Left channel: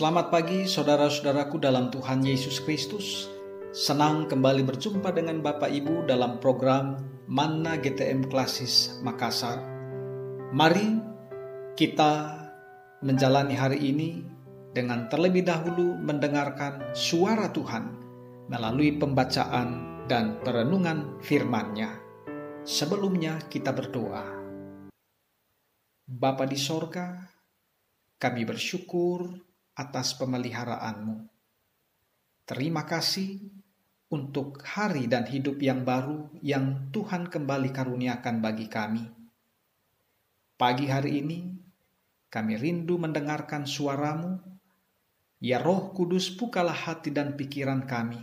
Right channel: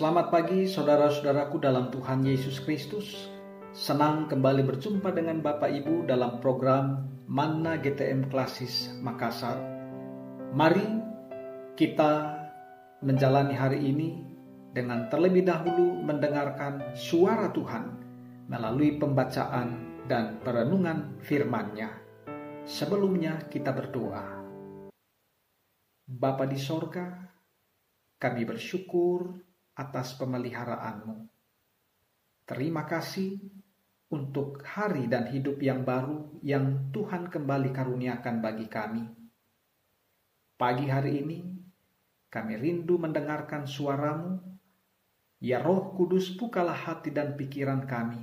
Selamat pagi saudara-saudaraku dalam Tuhan Yesus Kristus. Senang kembali berjumpa dengan Bapak Ibu dalam program Manna GTM Klasis Makassar. Mari kita menjalani hari ini dengan terlebih dahulu mendengarkan suara Tuhan melalui pembacaan dan perenungan firman-Nya. Sebelumnya kita berdoa. Bapa di sorga, kami bersyukur atas pemeliharaan-Mu. Terima kasih untuk hari dan hidup yang baru yang Tuhan kembali karuniakan bagi kami. Pagi hari ini, kami rindu mendengarkan suara-Mu. Ya Roh Kudus, bukalah hati dan pikiran kami,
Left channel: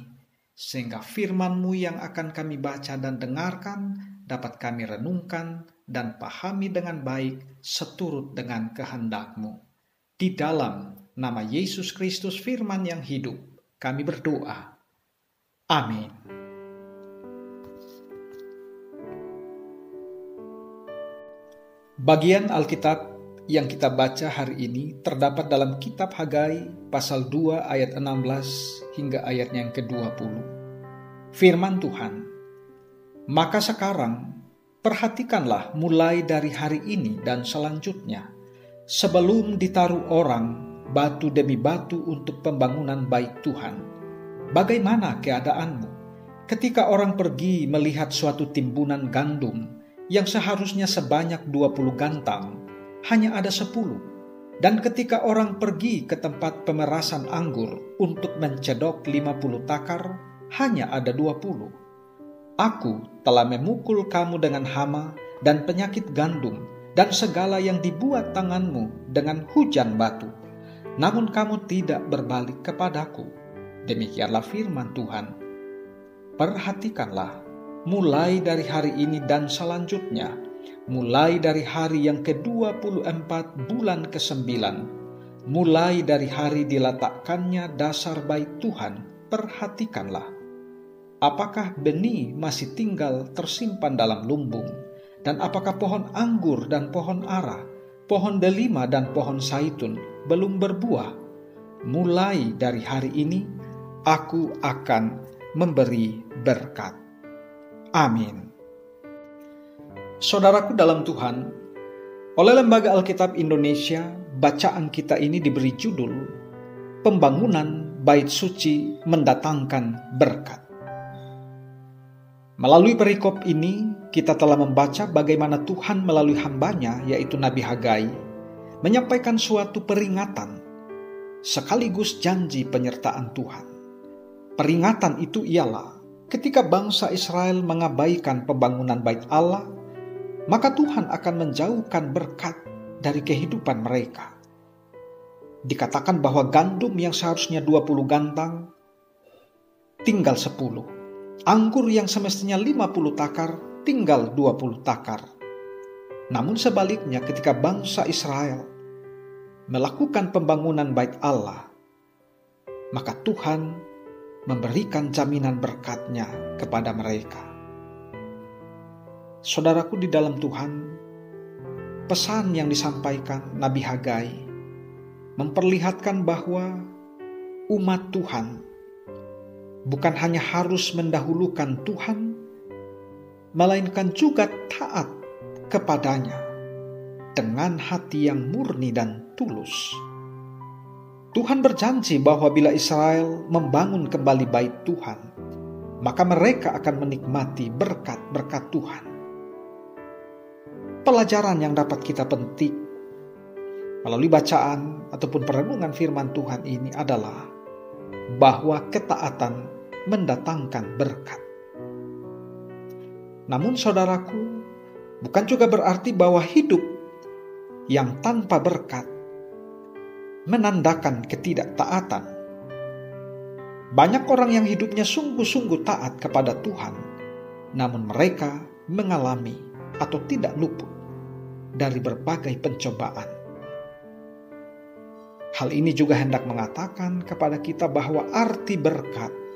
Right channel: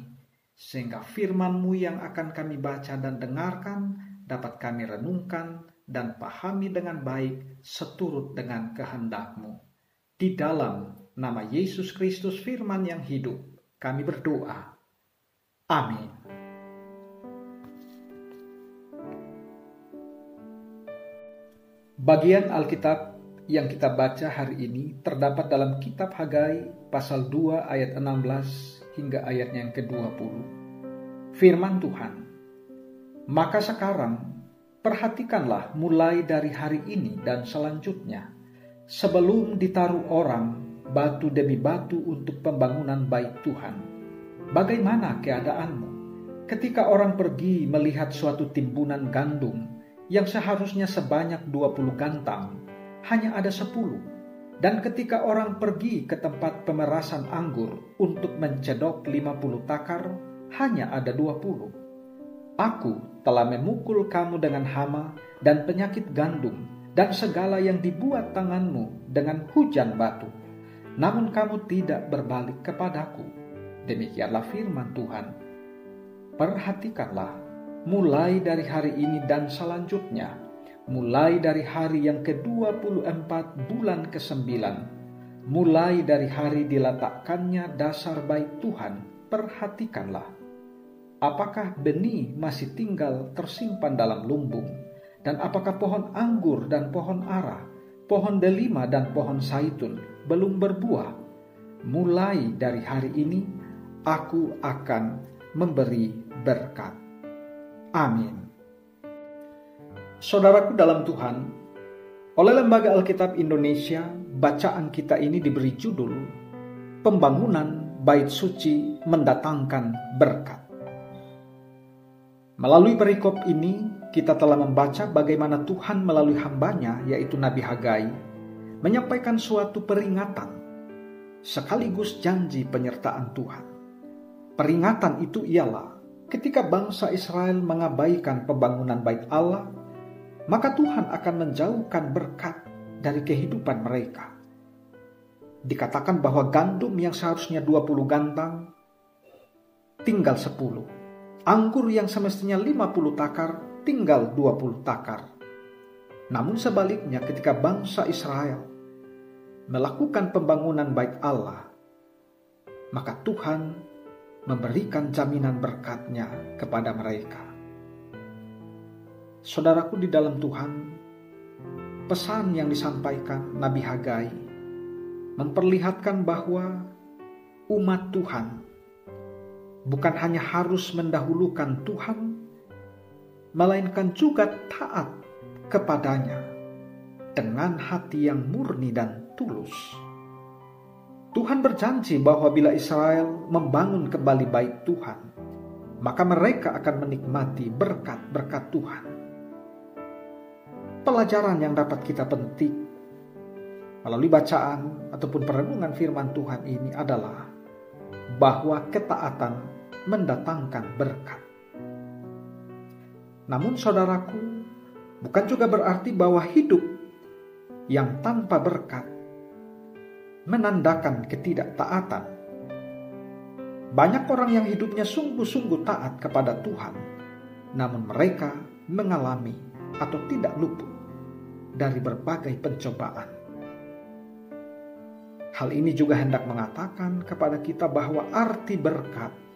sehingga firman-Mu yang akan kami baca dan dengarkan dapat kami renungkan dan pahami dengan baik seturut dengan kehendak-Mu. Di dalam nama Yesus Kristus firman yang hidup, kami berdoa. Amin. Bagian Alkitab yang kita baca hari ini terdapat dalam kitab Hagai pasal 2 ayat 16 hingga ayatnya yang ke-20. Firman Tuhan, maka sekarang perhatikanlah mulai dari hari ini dan selanjutnya, sebelum ditaruh orang batu demi batu untuk pembangunan bait Tuhan. Bagaimana keadaanmu ketika orang pergi melihat suatu timbunan gandum yang seharusnya sebanyak 20 gantang, hanya ada 10. Dan ketika orang pergi ke tempat pemerasan anggur untuk mencedok 50 takar, hanya ada 20. Aku telah memukul kamu dengan hama dan penyakit gandum dan segala yang dibuat tanganmu dengan hujan batu. Namun kamu tidak berbalik kepadaku. Demikianlah firman Tuhan. Perhatikanlah, mulai dari hari ini dan selanjutnya, mulai dari hari yang ke-24 bulan ke-9, mulai dari hari diletakkannya dasar bait Tuhan, perhatikanlah. Apakah benih masih tinggal tersimpan dalam lumbung? Dan apakah pohon anggur dan pohon ara, pohon delima dan pohon zaitun belum berbuah? Mulai dari hari ini, aku akan memberi berkat. Amin. Saudaraku dalam Tuhan, oleh Lembaga Alkitab Indonesia, bacaan kita ini diberi judul Pembangunan Bait Suci Mendatangkan Berkat. Melalui perikop ini, kita telah membaca bagaimana Tuhan melalui hamba-Nya, yaitu Nabi Hagai, menyampaikan suatu peringatan, sekaligus janji penyertaan Tuhan. Peringatan itu ialah, ketika bangsa Israel mengabaikan pembangunan bait Allah, maka Tuhan akan menjauhkan berkat dari kehidupan mereka. Dikatakan bahwa gandum yang seharusnya 20 gantang, tinggal 10. Anggur yang semestinya 50 takar, tinggal 20 takar. Namun sebaliknya ketika bangsa Israel melakukan pembangunan bait Allah, maka Tuhan memberikan jaminan berkat-Nya kepada mereka. Saudaraku di dalam Tuhan, pesan yang disampaikan Nabi Hagai memperlihatkan bahwa umat Tuhan bukan hanya harus mendahulukan Tuhan, melainkan juga taat kepadanya dengan hati yang murni dan tulus. Tuhan berjanji bahwa bila Israel membangun kembali bait Tuhan, maka mereka akan menikmati berkat-berkat Tuhan. Pelajaran yang dapat kita petik melalui bacaan ataupun perenungan firman Tuhan ini adalah bahwa ketaatan mendatangkan berkat. Namun saudaraku, bukan juga berarti bahwa hidup yang tanpa berkat menandakan ketidaktaatan. Banyak orang yang hidupnya sungguh-sungguh taat kepada Tuhan, namun mereka mengalami atau tidak luput dari berbagai pencobaan. Hal ini juga hendak mengatakan kepada kita bahwa arti berkat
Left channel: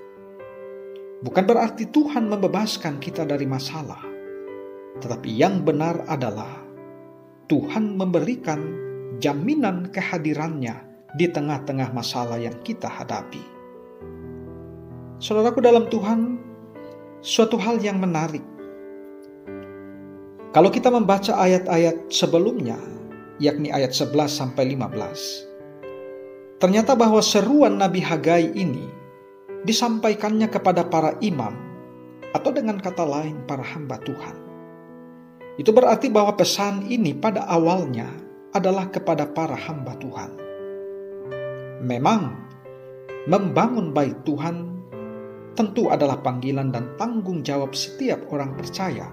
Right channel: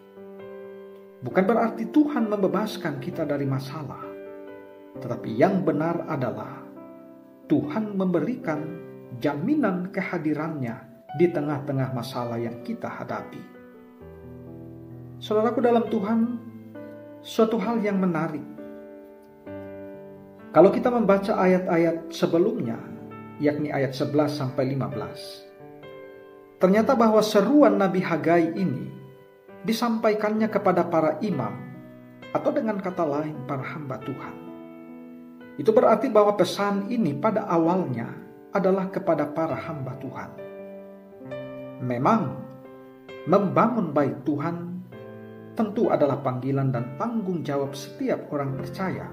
bukan berarti Tuhan membebaskan kita dari masalah, tetapi yang benar adalah Tuhan memberikan jaminan kehadirannya di tengah-tengah masalah yang kita hadapi. Saudaraku dalam Tuhan, suatu hal yang menarik. Kalau kita membaca ayat-ayat sebelumnya, yakni ayat 11 sampai 15, ternyata bahwa seruan Nabi Hagai ini disampaikannya kepada para imam, atau dengan kata lain para hamba Tuhan. Itu berarti bahwa pesan ini pada awalnya adalah kepada para hamba Tuhan. Memang membangun bait Tuhan tentu adalah panggilan dan tanggung jawab setiap orang percaya.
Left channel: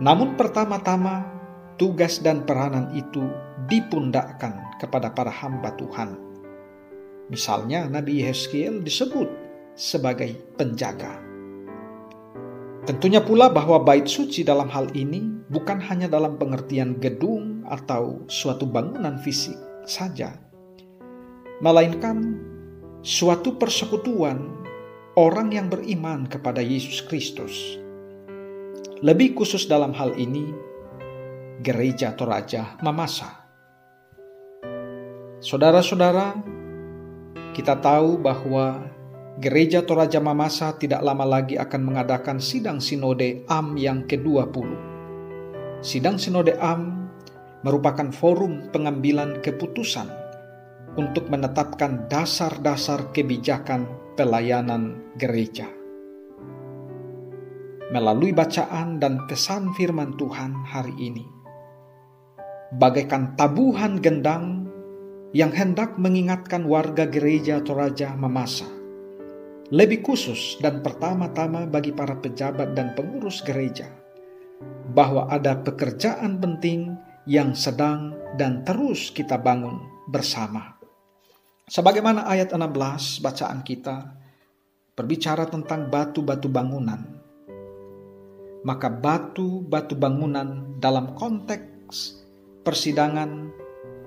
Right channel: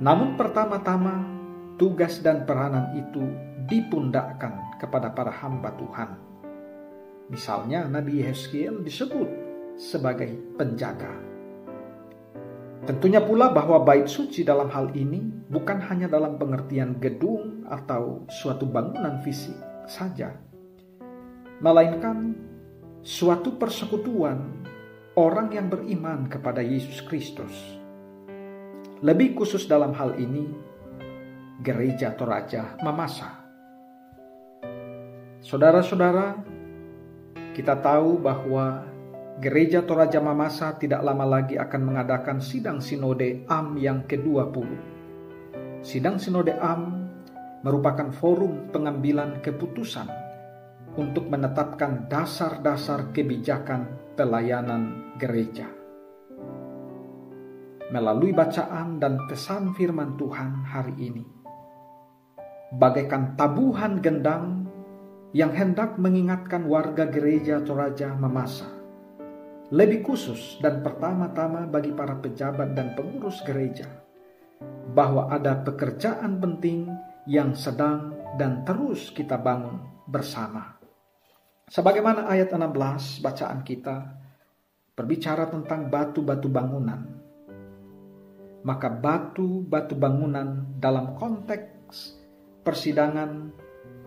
Namun pertama-tama tugas dan peranan itu dipundakkan kepada para hamba Tuhan. Misalnya Nabi Yehezkiel disebut sebagai penjaga. Tentunya pula bahwa bait suci dalam hal ini bukan hanya dalam pengertian gedung atau suatu bangunan fisik saja, melainkan suatu persekutuan orang yang beriman kepada Yesus Kristus. Lebih khusus dalam hal ini, Gereja Toraja Mamasa. Saudara-saudara, kita tahu bahwa Gereja Toraja Mamasa tidak lama lagi akan mengadakan sidang sinode AM yang ke-20. Sidang sinode AM merupakan forum pengambilan keputusan untuk menetapkan dasar-dasar kebijakan pelayanan gereja. Melalui bacaan dan pesan firman Tuhan hari ini, bagaikan tabuhan gendang yang hendak mengingatkan warga gereja Toraja Mamasa, lebih khusus dan pertama-tama bagi para pejabat dan pengurus gereja, bahwa ada pekerjaan penting yang sedang dan terus kita bangun bersama. Sebagaimana ayat 16 bacaan kita berbicara tentang batu-batu bangunan, maka batu-batu bangunan dalam konteks persidangan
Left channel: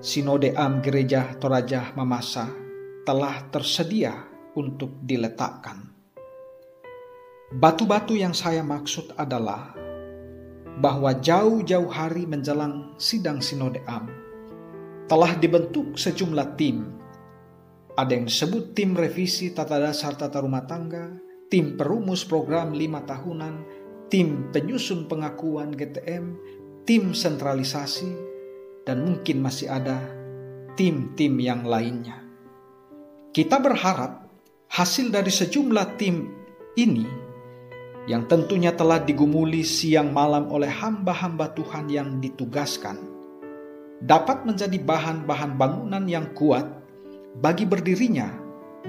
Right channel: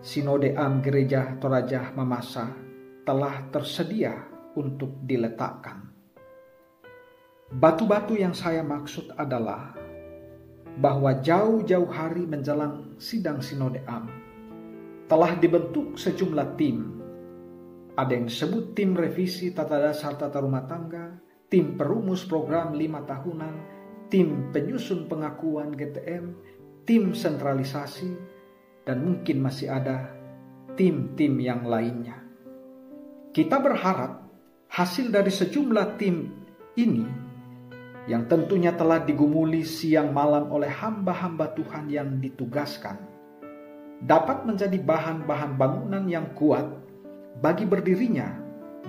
Sinode Am Gereja Toraja Mamasa telah tersedia untuk diletakkan. Batu-batu yang saya maksud adalah bahwa jauh-jauh hari menjelang sidang Sinode Am telah dibentuk sejumlah tim. Ada yang disebut tim revisi tata dasar tata rumah tangga, tim perumus program 5 tahunan, tim penyusun pengakuan GTM, tim sentralisasi, dan mungkin masih ada tim-tim yang lainnya. Kita berharap hasil dari sejumlah tim ini yang tentunya telah digumuli siang malam oleh hamba-hamba Tuhan yang ditugaskan dapat menjadi bahan-bahan bangunan yang kuat bagi berdirinya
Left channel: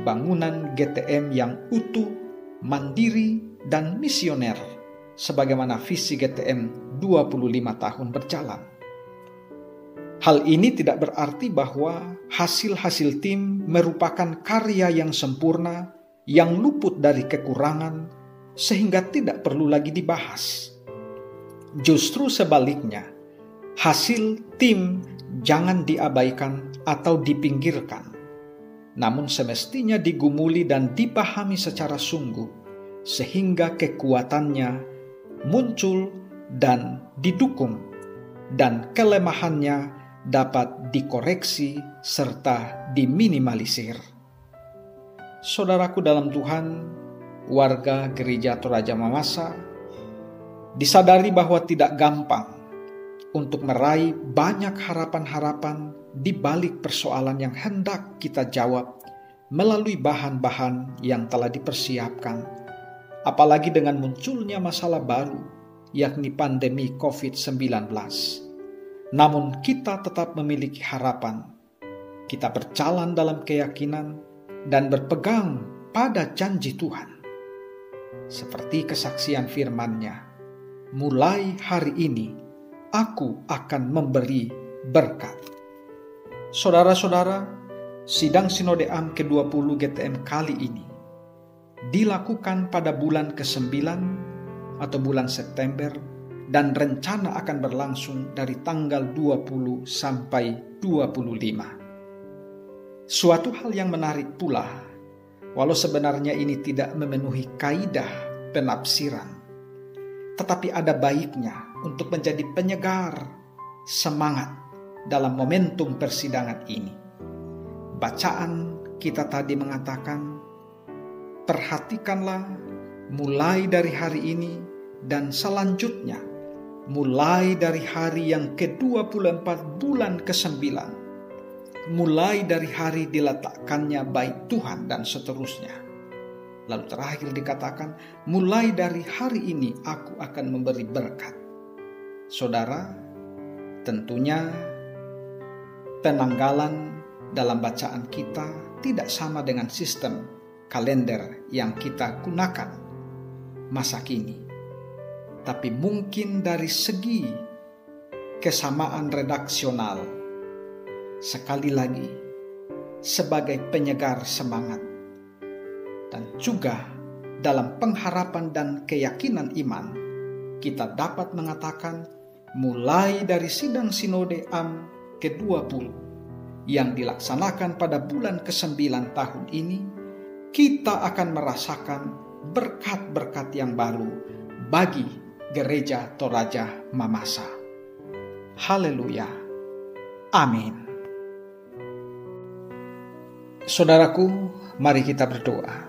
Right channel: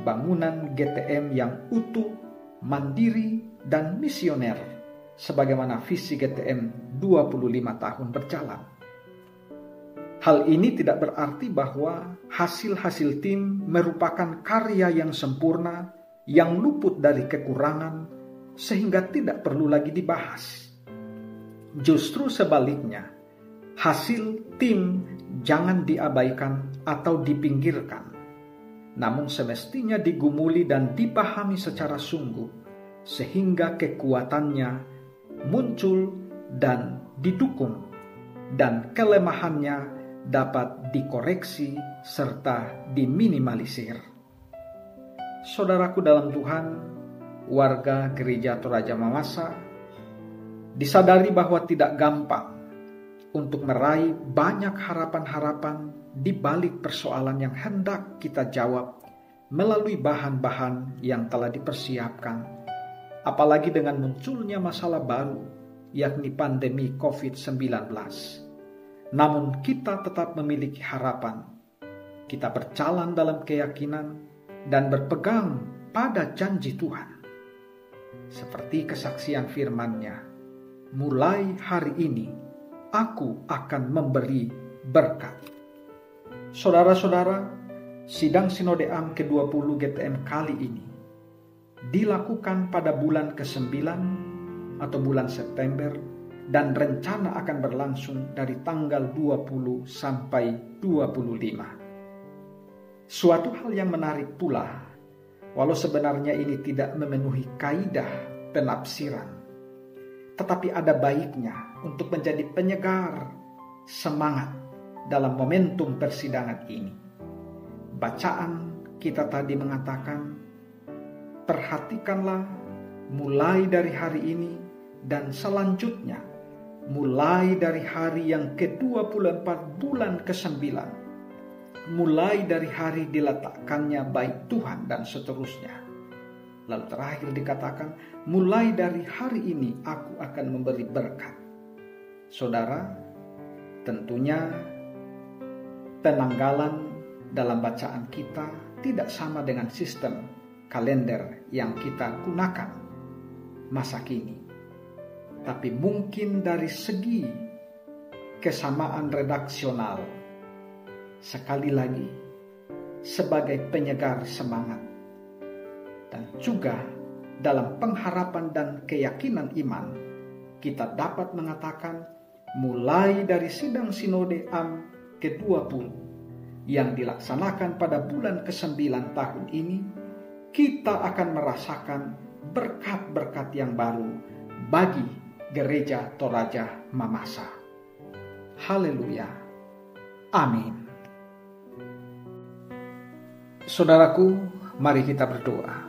bangunan GTM yang utuh, mandiri, dan misioner sebagaimana visi GTM 25 tahun berjalan. Hal ini tidak berarti bahwa hasil-hasil tim merupakan karya yang sempurna, yang luput dari kekurangan, sehingga tidak perlu lagi dibahas. Justru sebaliknya, hasil tim jangan diabaikan atau dipinggirkan, namun semestinya digumuli dan dipahami secara sungguh, sehingga kekuatannya muncul dan didukung, dan kelemahannya dapat dikoreksi serta diminimalisir. Saudaraku dalam Tuhan, warga Gereja Toraja Mamasa, disadari bahwa tidak gampang untuk meraih banyak harapan-harapan di balik persoalan yang hendak kita jawab melalui bahan-bahan yang telah dipersiapkan, apalagi dengan munculnya masalah baru, yakni pandemi COVID-19. Namun kita tetap memiliki harapan. Kita berjalan dalam keyakinan dan berpegang pada janji Tuhan. Seperti kesaksian firman-Nya, mulai hari ini aku akan memberi berkat. Saudara-saudara, sidang Sinode Am ke-20 GTM kali ini dilakukan pada bulan ke-9 atau bulan September, dan rencana akan berlangsung dari tanggal 20 sampai 25. Suatu hal yang menarik pula, walau sebenarnya ini tidak memenuhi kaidah penafsiran, tetapi ada baiknya untuk menjadi penyegar semangat dalam momentum persidangan ini. Bacaan kita tadi mengatakan, perhatikanlah mulai dari hari ini dan selanjutnya, mulai dari hari yang ke-24 bulan ke-9, mulai dari hari diletakkannya bait Tuhan dan seterusnya. Lalu terakhir dikatakan, mulai dari hari ini aku akan memberi berkat. Saudara, tentunya penanggalan dalam bacaan kita tidak sama dengan sistem kalender yang kita gunakan masa kini. Tapi mungkin dari segi kesamaan redaksional, sekali lagi sebagai penyegar semangat, dan juga dalam pengharapan dan keyakinan iman, kita dapat mengatakan mulai dari sidang sinode AM ke-20 yang dilaksanakan pada bulan ke-9 tahun ini, kita akan merasakan berkat-berkat yang baru bagi Gereja Toraja Mamasa. Haleluya. Amin. Saudaraku, mari kita berdoa.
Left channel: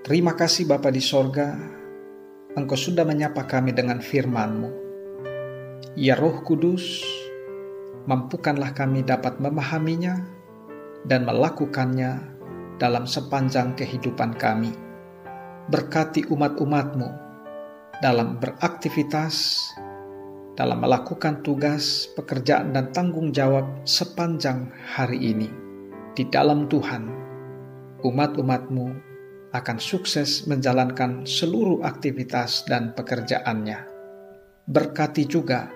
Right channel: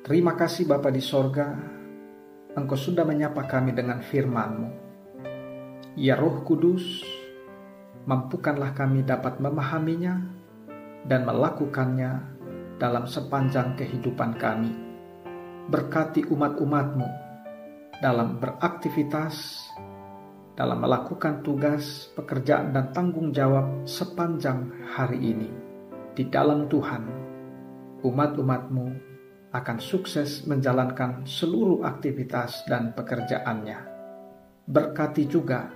Terima kasih Bapa di sorga, Engkau sudah menyapa kami dengan firman-Mu. Ya Roh Kudus, mampukanlah kami dapat memahaminya dan melakukannya dalam sepanjang kehidupan kami. Berkati umat-umat-Mu dalam beraktivitas, dalam melakukan tugas, pekerjaan dan tanggung jawab sepanjang hari ini. Di dalam Tuhan, umat-umat-Mu akan sukses menjalankan seluruh aktivitas dan pekerjaannya. Berkati juga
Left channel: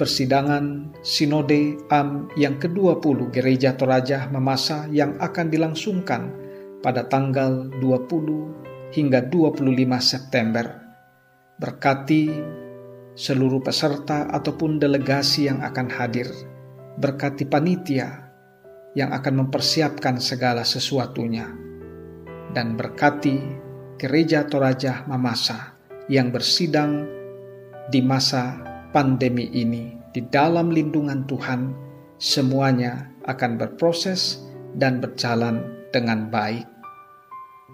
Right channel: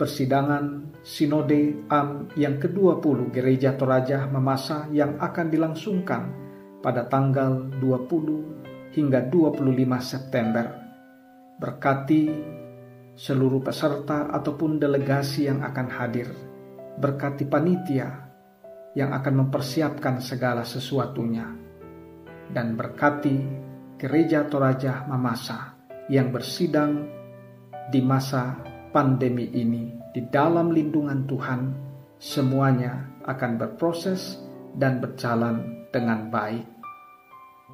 persidangan Sinode AM yang ke-20 Gereja Toraja Mamasa yang akan dilangsungkan pada tanggal 20 hingga 25 September. Berkati seluruh peserta ataupun delegasi yang akan hadir. Berkati panitia yang akan mempersiapkan segala sesuatunya. Dan berkati Gereja Toraja Mamasa yang bersidang di masa pandemi ini. Di dalam lindungan Tuhan, semuanya akan berproses dan berjalan dengan baik.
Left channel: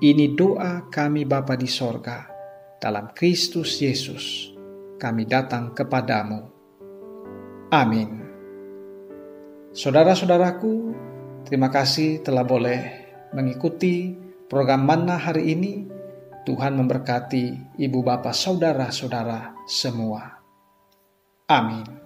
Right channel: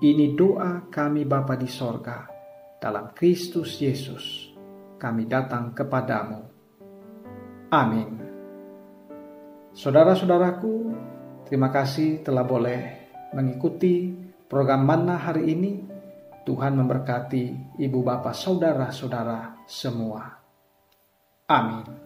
Ini doa kami Bapa di sorga. Dalam Kristus Yesus, kami datang kepadamu. Amin. Saudara-saudaraku, terima kasih telah boleh mengikuti program Manna hari ini. Tuhan memberkati ibu bapak saudara-saudara semua. Amin.